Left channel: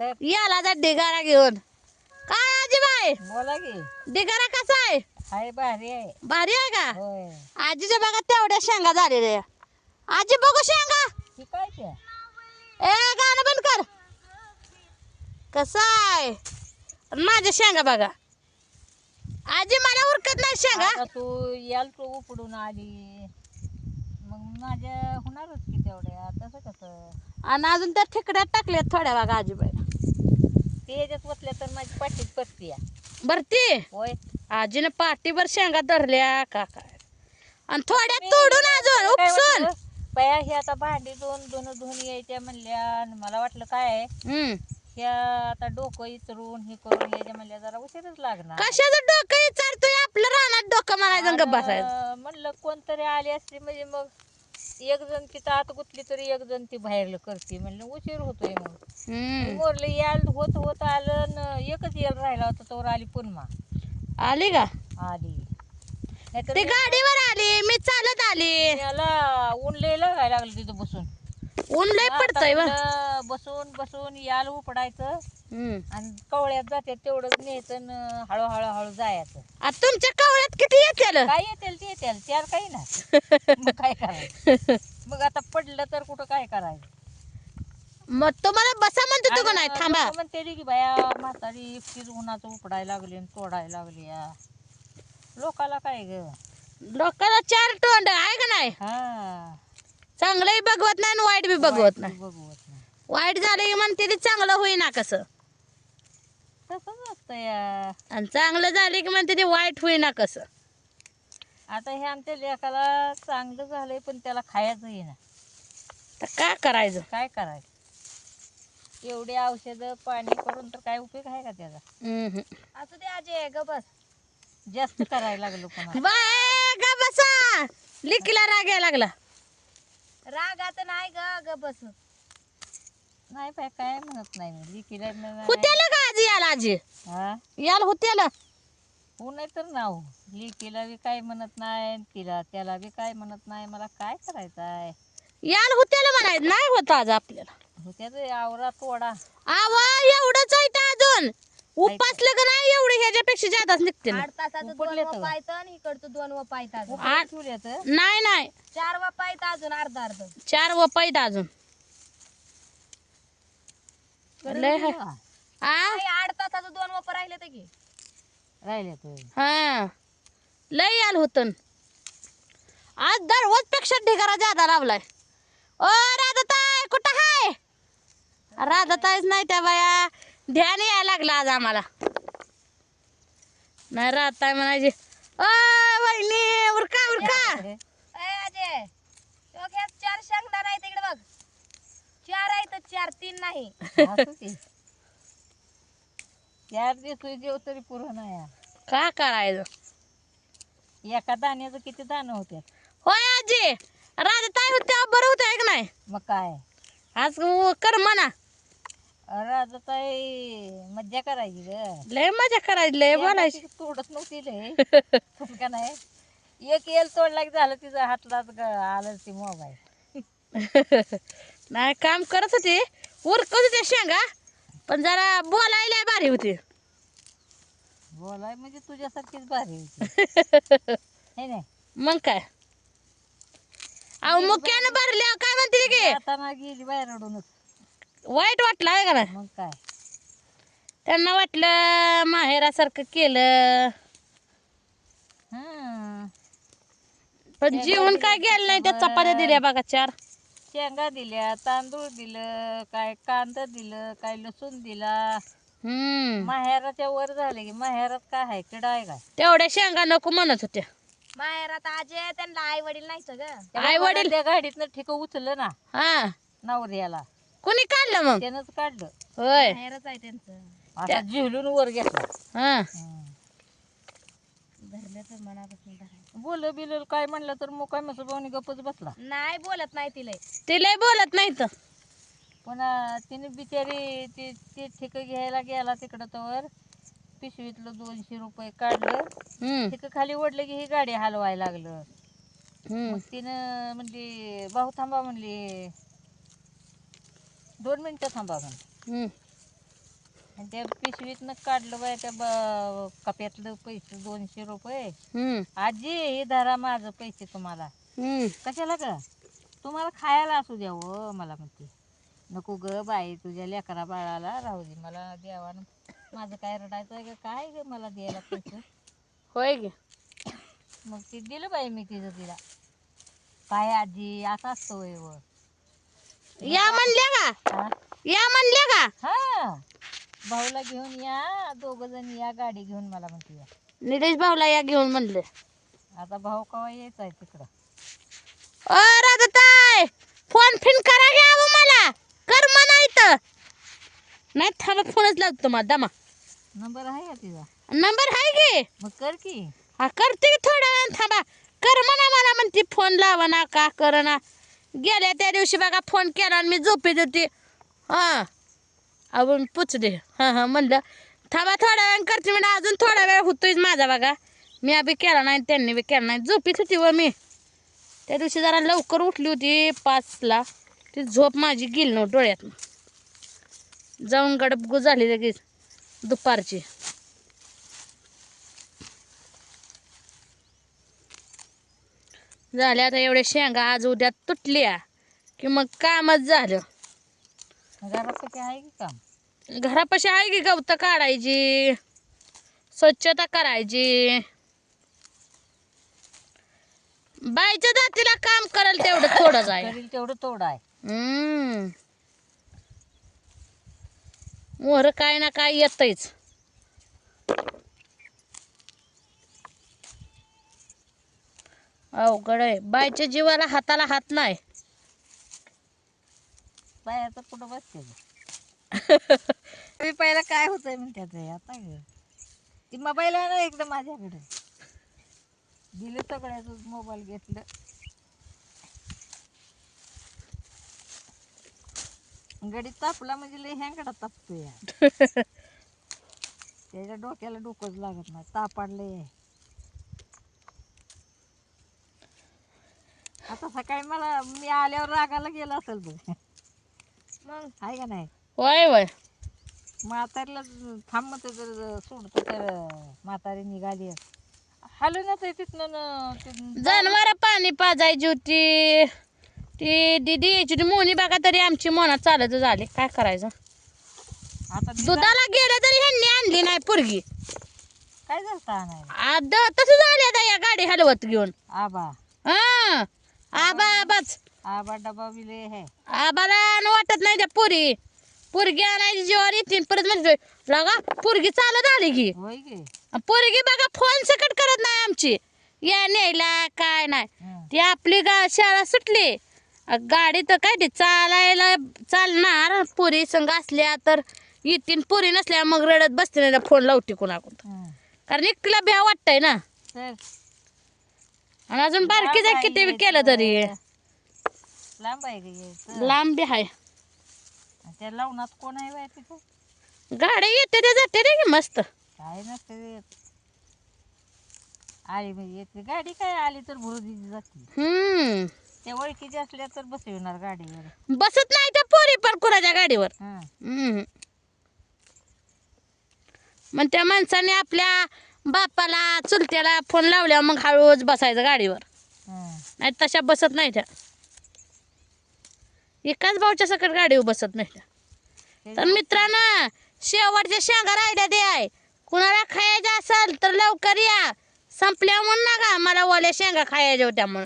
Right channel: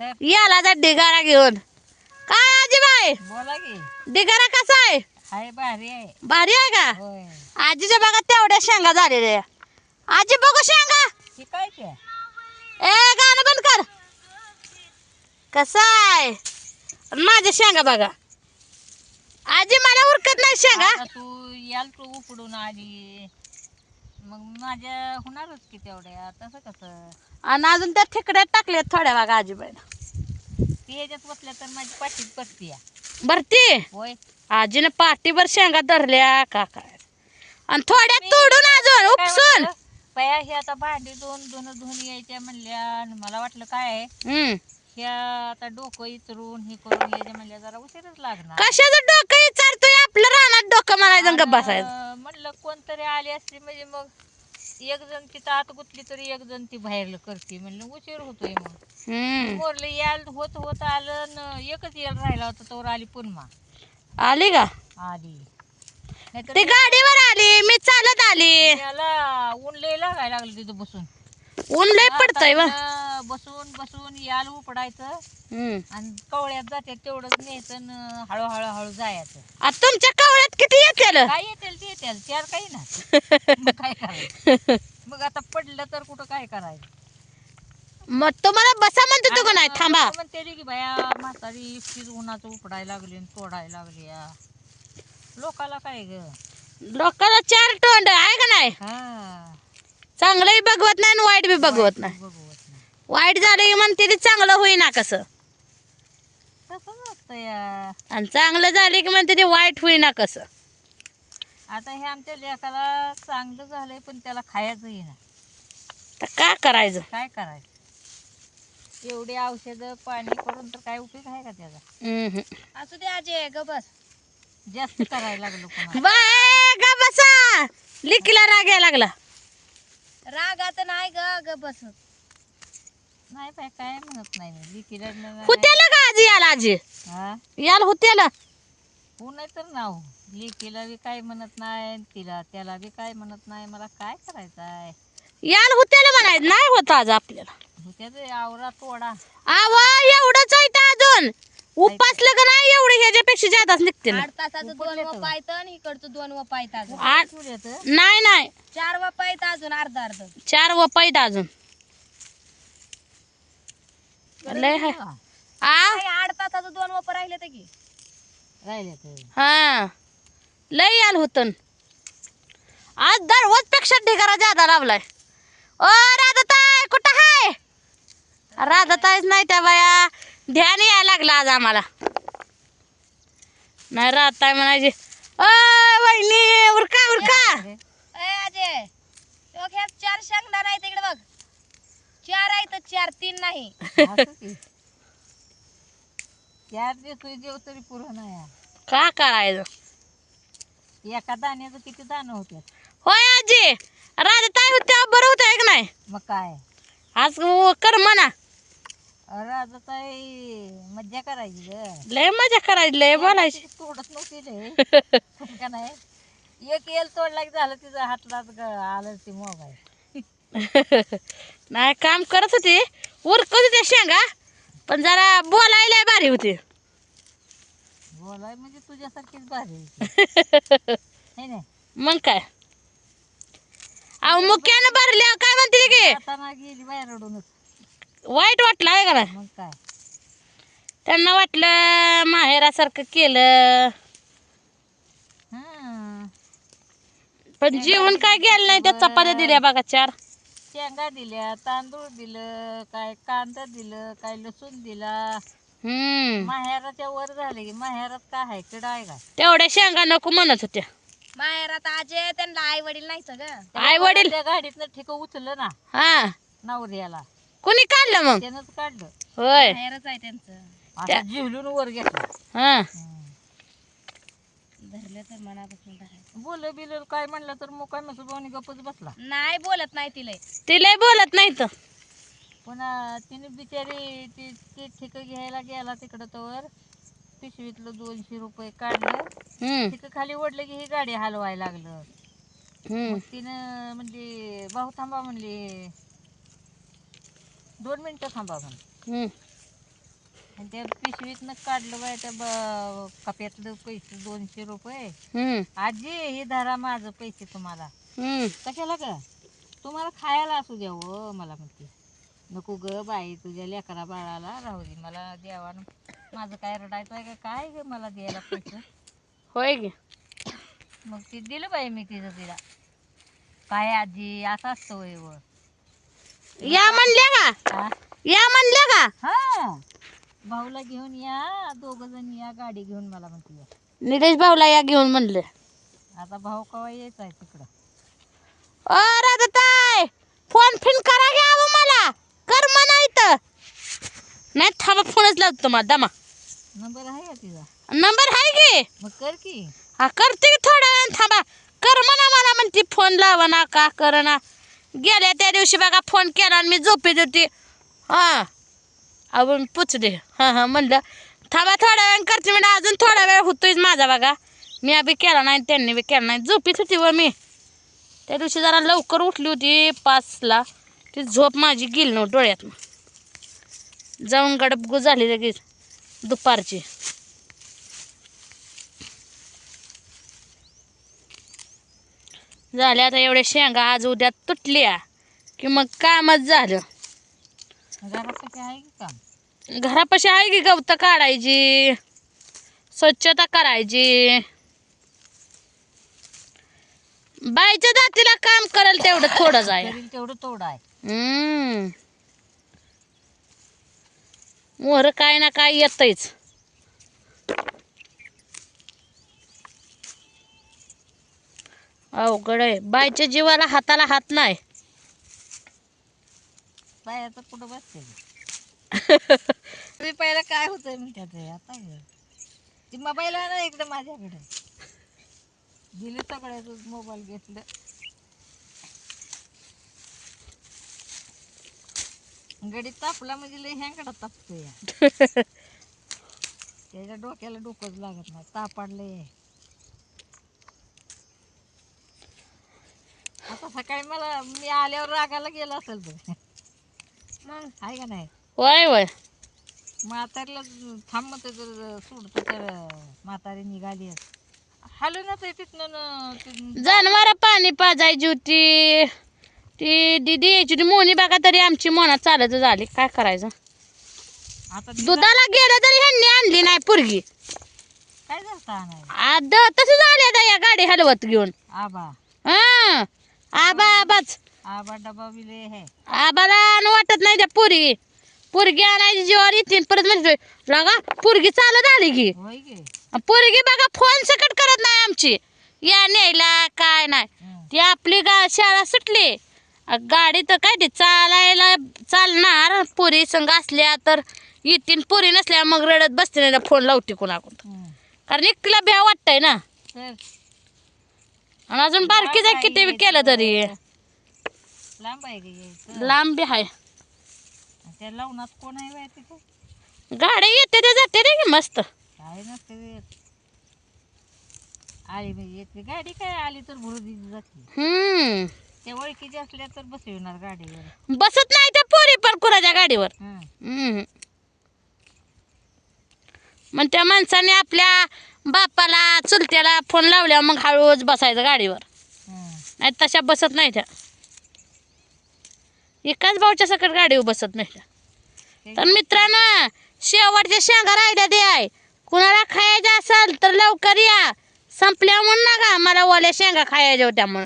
तर याला जा ढिगारा घेऊन. काय आजीबाई बोला की. ढिगारा कसा आहे? हाय भारी आहे. भारी आहे का? होय. आजीच्या बघा तेवढ्या शेंगा झालेल्या. आजी बघू शेंगा. ही काय ते? ए गाणं बंद कर. कसं आहे माझ्या शेंगा बघा. आजी मला उरकत नाही शेंगा. आता तू याल तू उपडून आली मग माझ्या होणारच की तेवढ्या. तसं कसं आणि अजून त्या ठिकड्यात टाकल्यात थोड्या बघा आजीबाई. ते ह्याच्यात बसल्या तर माझी पाठीत बसती या. भरती होय. आजीने पाठीभर शेंगा धरल्या का काय. आणि थोड्या तोडून अजून उपसून. बया हे आता भांडी धुवून यायच्या म्हणल्या आणि मला वाटलं काय आहे ह्या आता डोकं इचरून हे करून यायच्या म्हणल्या जरा उशीरच लागणार. कशाचं डोकं विचारतोय आपलं रानात डोकं मारायचं आणि गप्प बसायचं. म्हणलं कोणतरी आली असली म्हणजे मग एक जण तिथं आत गुतली तरी एक जण ती बाहेर करते म्हणलं उशीर होतोय मग मोरलं याल होत आलं एकच येल राहिला होता तोवर आली पुन्हा आली का? आली ती गाडीवर आली मी चालत आली. त्याला ऊन लय लागायला लागलं तिथं बसून. ऊन लय पडतंय वा. बसून याल उपडायचं आणि कवळ्यात जाते तेवढंच न्यायचं हळू जायचं. तुमच्या कवळ्यात किती येतील? काय येतील ते येतील चार काही ना. मग काय करायचं मग आता पडलं तर कुठं काय करायचं. मग तुम्हाला बसा म्हणते तू का नाही थांबा म्हणते की बाया म्हातारी एकटीच उन्हाचं उपडायला लागली आणि तोडायला लागली या. लोकाला काय ग लोकांना चार तोंड आहे का नाही. चांगलंही बघवत नाही आणि वाईट बी बघवत नाही. वाईट झालं की म्हणते ते चांगलं होईना कसं. तसंच असतं या. आणि चांगलं झाले की म्हणते ते वाईट होईना कसं. आता हे आमच्या लेकाला चांगलं झालंय पण त्याला खायचं येईना. तर काय करायचं. काय करायचं एवढे औषधं पाणी करून तर काय उपयोग आहे का त्याचा. असू दे आजे ग बस. जास्त करायला लागलो पण बाय ग बसा. लिकीला राग यायला लागला. राग आता नाही ग बस. नाही बाय काय म्हणत नाही मी लिकीला होत्याला का आजी याला आजी याला होत्याला हो नाही तर नाव लिकीला बी काय म्हणत नाही तिला त्याला बी काय म्हणत नाही. मला काय करायचं आहे याला होत्याला म्हणायचं नाही होत आज आपल्याला. होत्या आवरा तोडा आवा एवढंच आहे तर अजून उपासलं का नाही एवढे ह्याच्यापेक्षा जादाच निघते ना. 8 तासाचं 2 वपायत आणि इकडचं 2 वपायत अजून. नाही 4 वपायत अजून अर्ध 4 वपायत अजून लय आहे. 8 तासाचं 2 वप राहिले ते की राहिले हा लय याल होत. आज दररोज पेक्षा ढिगारा जादा लावलाय. ओ राधाताई कुठं हाय? राधाताईच नाही त्या बाया. ध्यान यायला लागलं आज आम्हाला. नाही राधाताई म्हणायची ओ वहिनी उरका अजय 4 शेंगदाणा आहेत इकडे बघ. 4 आहेत 4 3 नाही. 4 दिवस तरी पुरं नाही का करायचं. एका दाण्याचं किती दाणं होते. होय आजी राधाताई होत्या बरं होतं आहे का नाही. मग काय आज कर म्हणा. राधाताई मज्जा करायची ग. लय मजा करायची लय बोलायची. तोडत नव्हती लय का नाही. एक येल तोडला की झालं तिचं हातलात आलं ती मोबाईल. नाही काम करत होती उरकत होती शेंगा पण जरा बोलायला भारी होती. बोलाय म्हणजे तुझ्यासारखीच भारी होती. नाही मग काय अहो मुक्यानं भरल्या काय म्हणते की आता गेली बाहेर रडूनच. वाईट वाटलं आहे का ना. मग काय त्यांना वाटलं माहेरासारखं केलं पण जीवन काय गेलं नाही. त्या चपात्या दिल्या बघा 4. शेंगा दिल्या तांदूळ दिलं काय कांदा दिलं काय लसूण दिला. माहेराच्या वर झाले की माहेरात काय आहे किडा आहे का. तेवढ्या शेंगा नको म्हणत होत्या. माहेरात आजे त्यांना आई वडील नाही सगळं. आई वडील त्या गाडीतनं ठिक उचललं ना. नवऱ्याला कोणी काढलं मग. त्यानंच काढलं. होय माहेरच आहे त्यांचं. आता झेलून वर घेतलं. धरलं तर मनापासून धरायचं. बोल बिल काय म्हणलं तर मोका मसोबाने गपच बसला. नाही बोलत नाही तिला बोलत नाही तर पुन्हा तिने बिचारी ते ठिक घ्यायला गेला तिकडं तर पिशवीतलं 200 रुपये काढलं. तिथं खाली ओढलं की ही गाडी हलवायला लागलं. तिनं म्हणली भाऊ थांबा म्हणली 2 मिनिटं थांबा म्हणली. आणि त्या पिशवीतनं काढलं बाय त्या कप्यातलं पैसे 200 रुपये. आजी हे धरा माझं पैसे तुम्हाला. कशाला ग? तुम्हाला खायला असू द्या हो मला म्हणते. नको ग बाई तुझ्या लेकरा बाळाला राहू दे मला देवानं. माझं काय रडायचं आहे का काय ग मला द्यायला पैसे. होय गे. मग ते दिलं बाई मी तिला. काय आजी असं असतं होय व. या म्हणल्या का? हा? या म्हणल्या का? हा भाऊला घेऊन या 2 जण या गाडी घेऊन मला म्हणते. निलेश भाऊला या घेऊन म्हणलं. आता भाऊ कवा यायचा आहे तिकडं. ओ राधाताई फोन फिन करा घ्यावं मला कर म्हणा इथं. नाही थांबा फोनच लावतो तुम्हाला दमा. नंबर आहे का तिचा? नंबर आहे की. मग कर की. हा करते की थोड्या वेळ थांबा. कर म्हणा मला म्हणते फोन लावा ना का कर ना. गेल्या त्या दिवशी बघा फोन केला आणि मी झोपेत होती. हा आपण पुचले. हां म्हणलं थांबा थोड्या वेळ करते म्हणजे अजून थोडा वेळ होतोय माझा बघा. मी बी केला नाही त्यांनी बी केला नाही. झोपेत होती व मी त्या दिवशी जरा लवकर उठली होती 5ला. ती झोप माझी गेली नव्हती डोळ्यात. जाऊन गडबगू झाली लगेच दुपारची. झाल्या आता एवढ्या शेंगा आज उद्या तुटल्या की मग कामच झालं. घरासाठी आहे की काम? घरापाशी आहे की गवतं काढायची स्वच्छता करायची. बाईच्या जातीला काम कराल तेवढं थोडंच आहे. करील तेवढं तोड आहे. मोहर काय ना काय येतच. अवघड आहे. बाईच्या जीवाला हाताला हात नाही. बायाचं कुठं बसते. मी पहिला काय होतंय म्हणतात आता ग. ती मोबाईल आहे ना एकदम माझ्याकडे. दिले सगळ्याच मोबाईल घेतलं. गडीत तापला म्हणजे लय ह्यांकडे तापतो या. त्याच्या डोक्याला डोकंच लागत नाही. तापाडलंय. आता सकाळी मला मी आल्यावर रागाला गेला असेल बघ. मग आहे का नाही. वय वय म्हातारीला थांब म्हणते तर सोडतो तर म्हातारी निघाली. हालू ना ते तिथनं जनावर पाणी पाजायची होती. ती दिदी यायची होती मोनी बघा तरी आमची मोना चालत झाली. काय करायचं. आता दुधाला गेलं तरी ह्यांनी आणली नाही पोरगी. काय झालं आणायला. आता तसं झाले या गाडी हलवत घेऊन. आबा हा आबा आबाच आबा डबा बिले हे. आबाला वाटत नाही त्या पोरगी आणायची जीवावर येते परत म्हणजे लगा पोरगी चालत आली की. होय गे. पोरगी बघा फोन सकट करत नाही आमची. या न्यायला काय नाही. ती आपली शाळा सुटली गाडी तर काय ते चालायला चालणार. पोरी संग असल्या तर येतीन. पोरी नसल्या मग रडत बसते ना फोन लावते कोणाकडून. कारण एकटीला भ्या वाटतंय ना. आणि अजून बारकी जाय किती बी केलं तरी लांब आहे गे यायचं. लांब बी आहे. त्या लावणात कोण आहे बाय तिथं. गाडी येते ते जाते रे की मस्त. काय नसते आली म्हणजे येते गाडी. काय आली तर भुरुदी जाते. त्या ओळखीच्या असल्या तर बसविणार गाडीवर. बसत नाही त्या पोरी पण कुणाच्या गाडीवर. मग त्या माणसाने आपल्या बापाला चुलत्याला फोन लावल्यावर मग हळूच बसायचं गाडीवर. नाही तशा बसत नाही त्या. एकाच भाऊच्या सकट गाडीवर बसत नाही त्या. तर मित्रांनो शेवटच्या शेंगा राहिल्या ते आहे. कुणाला खायच्या असेल तर लवकर या. संपल्या म्हणून नका मला ओल्या शेंगा खायच्या होत्या म्हणून.